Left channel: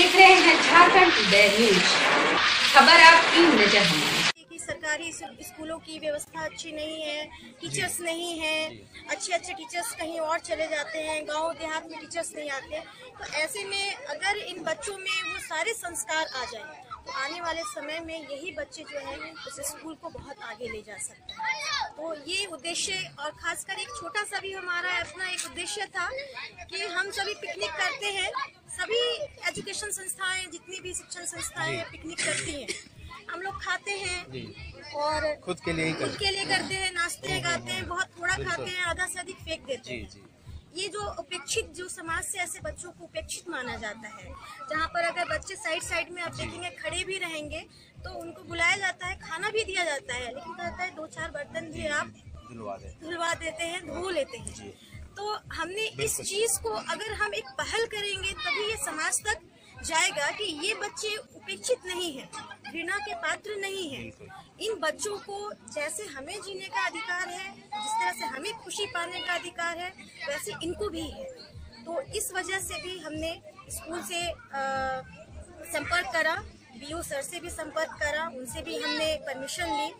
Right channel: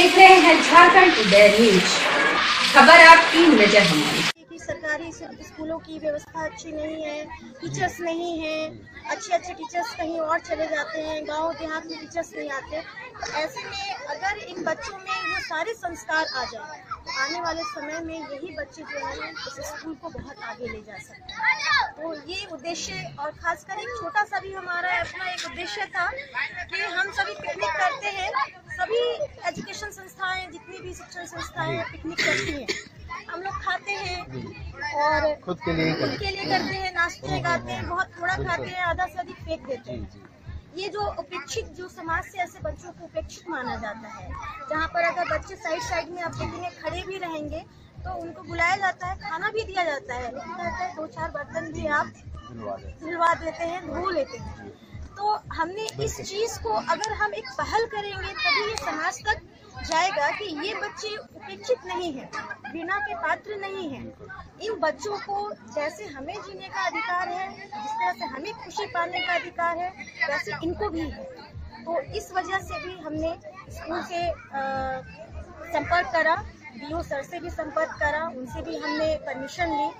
देख रहे हैं झारखंड टुडे न्यूज। खबर आपकी, नजर हमारी। कि सरकारी स्कूलों की व्यवस्था अच्छी नहीं है, टीचर्स नहीं हैं, अच्छे टीचर्स कहीं और चले जाते हैं, गांव देहात में टीचर्स नहीं आते। तो ऐसे में अगर इन बच्चों में वो सारे संस्कार आ जाए तो आने वाले समय में यही बच्चे जो हैं उस स्कूल को बहुत आगे ले जा सकते हैं। तो ये उद्देश्य, और खासकर एक छोटा सा भी हमारा अपना एक उद्देश्य था कि हम सभी पिकनिक करते हैं, सभी एजुकेशन संस्थाएं, जितनी भी शिक्षण संस्थाएं पिकनिक करती हैं, हम लोग खाते हैं और खुद के लिए करते हैं, नाचते हैं, गाते हैं, बहुत थोड़ा खाते हैं, आधा से अधिक फेंक देते हैं। ये जो उपेक्षित, जो समाज से ऐसे बच्चों को उपेक्षित माना जाता है, जहाँ पर अगर बच्चे साइड में आप देखेंगे खड़े भी रहेंगे तो उनको बुलाया जाता है, खाना भी दिया जाता है, लेकिन कहते हैं 2-4 बर्तन भी आप धुलवा देते हैं, धो लेते हैं। तो हमने इस चीज को अगर हम एक पहल करेंगे तभी ये समाज तक जाएगा कि ये बच्चे उपेक्षित नहीं है, घृणा के पात्र नहीं है। इन बच्चों को जैसे हमें जीने का अधिकार है, जिस तरह से हमें खुशी पाने का अधिकार है, वैसे इनको भी है। तो इस वजह से भी हमने स्कूल से संपर्क करा, बीओ सर से भी संपर्क करा, उनसे भी हमने परमिशन ली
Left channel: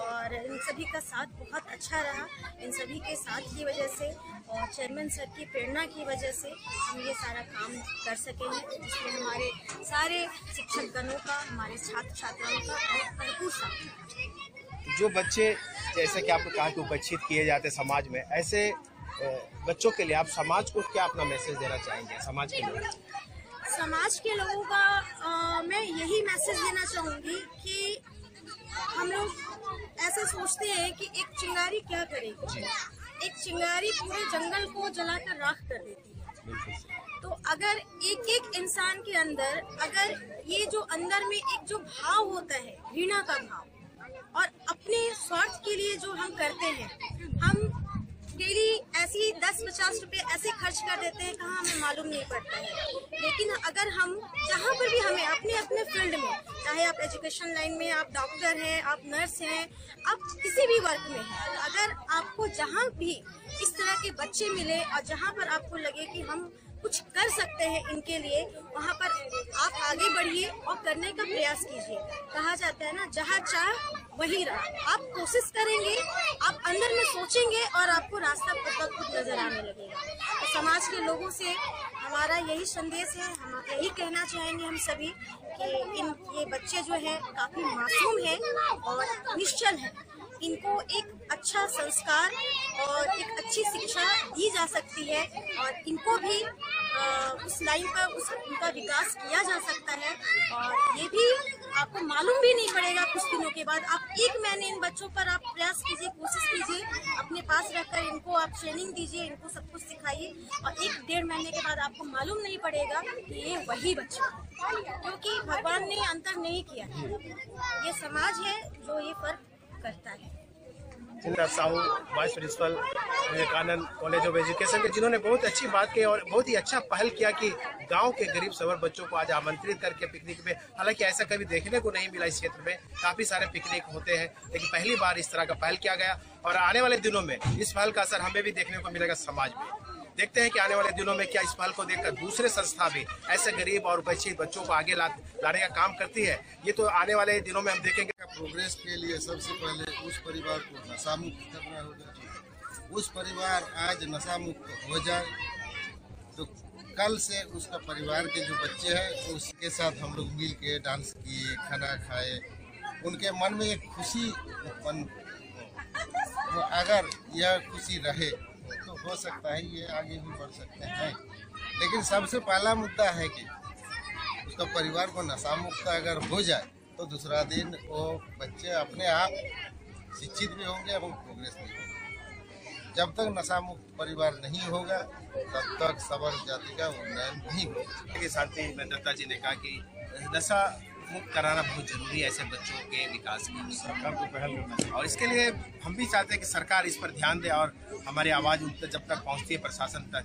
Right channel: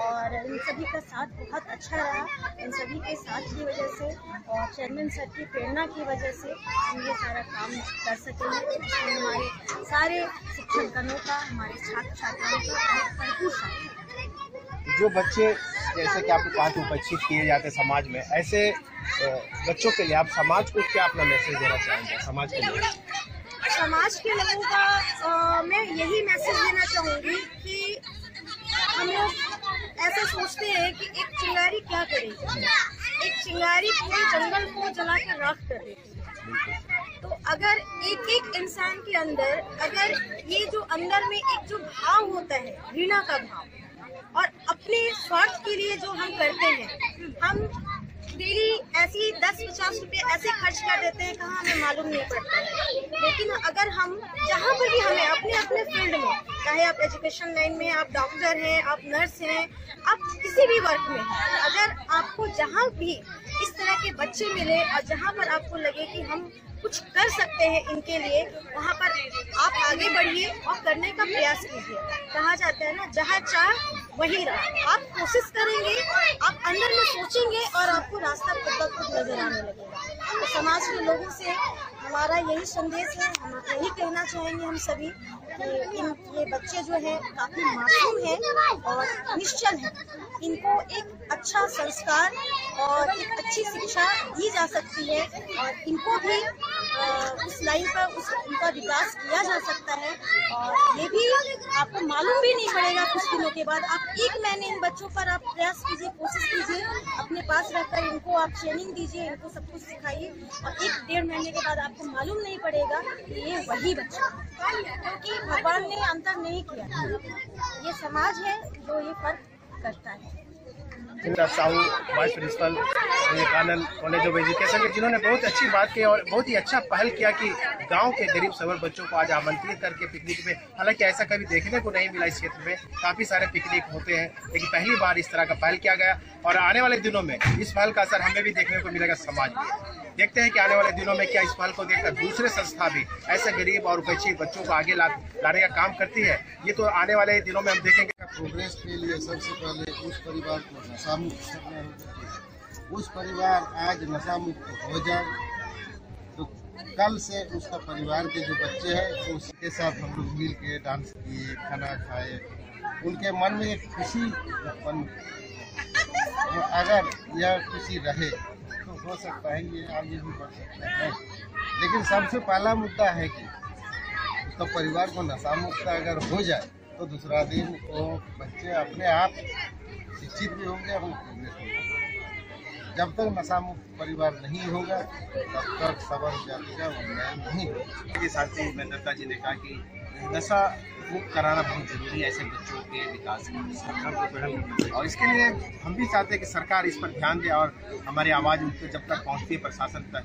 और इन सभी का साथ बहुत अच्छा रहा। इन सभी के साथ की वजह से और चेयरमैन सर की प्रेरणा की वजह से हम ये सारा काम कर सके हैं, जिसमें हमारे सारे शिक्षकगणों का, हमारे छात्र छात्राओं का भरपूर साथ। जो बच्चे जैसे कि आपको कहा कि उपेक्षित किए जाते हैं समाज में, ऐसे बच्चों के लिए आप समाज को क्या अपना मैसेज देना चाहेंगे? समाज के लिए, समाज के लोगों का मैं यही मैसेज देना चाहूँगी कि हम लोग ऐसे सोचते हैं कि एक चिंगारी क्या करेगी, एक चिंगारी पूरे जंगल को जलाकर राख कर देती है। तो अगर एक इंसान के अंदर अगर ये जो अंदर में एक जो भाव होता है, घृणा का भाव, और अपने स्वार्थ के लिए जो हम करते हैं, हम डेली ऐसी 10-50 रुपए ऐसे खर्च कर देते हैं, कहाँ हमें मालूम नहीं पड़ता है। लेकिन अगर हम जहाँ पर भी हमें अपने फील्ड में, चाहे आप एजुकेशन लाइन में, आप डॉक्टर हैं, आप नर्स हैं, आप किसी भी वर्क में हैं, अगर आपको जहाँ भी इस तरह के बच्चे मिले और जहाँ पर आपको लगे कि हम कुछ कर सकते हैं इनके लिए, वहाँ पर आप आगे बढ़िए और करने का प्रयास कीजिए। कहा जाता है ना, जहाँ चाह वहीं राह। आप कोशिश करेंगे, आप अंदर में सोचेंगे और आपको रास्ता खुद नजर आने लगेगा। तो समाज के लोगों से हमारा यही संदेश है, हम यही कहना चाहेंगे हम सभी कि ये बच्चे जो हैं काफी मासूम हैं और निश्चल हैं। इनको एक अच्छा संस्कार और एक अच्छी शिक्षा दी जा सकती है और इनको भी उस लाइन पर उनका विकास किया जा सकता है। और ये भी आपको मालूम भी नहीं पड़ेगा, कुछ दिनों के बाद आप 1 महीने इन बच्चों पर आप प्रयास कीजिए, कोशिश कीजिए, अपने पास रहकर इनको आप ट्रेनिंग दीजिए, इनको सब कुछ सिखाइए, और 1-1.5 महीने के बाद आपको मालूम नहीं पड़ेगा कि ये वही बच्चा है, क्योंकि भगवान ने अंतर नहीं किया। ये समाज है जो ये फर्क करता है। Sahu vice principal Vivekananda college of education के, जिन्होंने बहुत अच्छी बात की और बहुत ही अच्छा पहल किया कि गांव के गरीब सवर बच्चों को आज आमंत्रित करके पिकनिक में, हालांकि ऐसा कभी देखने को नहीं मिला इस क्षेत्र में, काफ़ी सारे पिकनिक होते हैं, लेकिन पहली बार इस तरह का पहल किया गया और आने वाले दिनों में इस पहल का असर हमें भी देखने को मिलेगा समाज में। देखते हैं कि आने वाले दिनों में क्या इस पहल को देखकर दूसरे संस्था भी ऐसे गरीब और उपेक्षित बच्चों को आगे लाने का काम करती है। ये तो आने वाले दिनों में हम देखेंगे। प्रोग्रेस के लिए सबसे पहले उस परिवार को नशा मुक्त करना होगा। उस परिवार आज नशा मुक्त हो जाए तो कल से उसका परिवार के जो बच्चे हैं तो उसके साथ हम लोग मिल के डांस किए, खाना खाए, उनके मन में एक खुशी उत्पन्न। तो अगर यह खुशी रहे तो हो सकता है ये आगे भी बढ़ सकते हैं। लेकिन सबसे पहला मुद्दा है कि उसका परिवार को नशा मुक्त अगर हो जाए तो दूसरा दिन वो बच्चे अपने आप शिक्षित भी होंगे और प्रोग्रेस भी होंगे। जब तक नशा मुक्त परिवार नहीं होगा तब तक सवर जाति का उन्नयन नहीं होगा। के साथ ही दत्ता जी ने कहा कि नशा मुक्त कराना बहुत जरूरी है ऐसे बच्चों के विकास के लिए, और इसके लिए हम भी चाहते हैं कि सरकार इस पर ध्यान दे और हमारी आवाज़ उन तक जब तक पहुँचती है प्रशासन तक,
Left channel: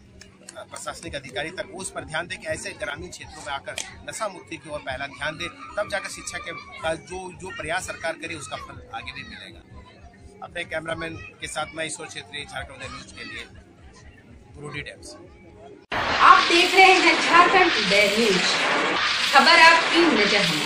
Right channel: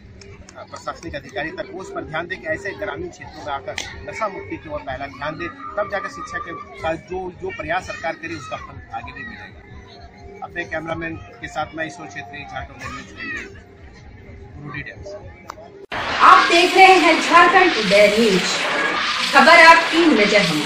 प्रशासनिक अधिकारी तक, वो उस पर ध्यान दे कि ऐसे ग्रामीण क्षेत्रों में आकर नशा मुक्ति की ओर पहला ध्यान दे, तब जाकर शिक्षा के साथ जो प्रयास सरकार करे उसका फल आगे भी मिलेगा। अपने कैमरामैन के साथ मैं ईश्वर क्षेत्रीय, झारखंड न्यूज के लिए गुरुडी डैम से। आप देख रहे हैं झारखंड टुडे न्यूज। खबर आपकी, नजर हमारी।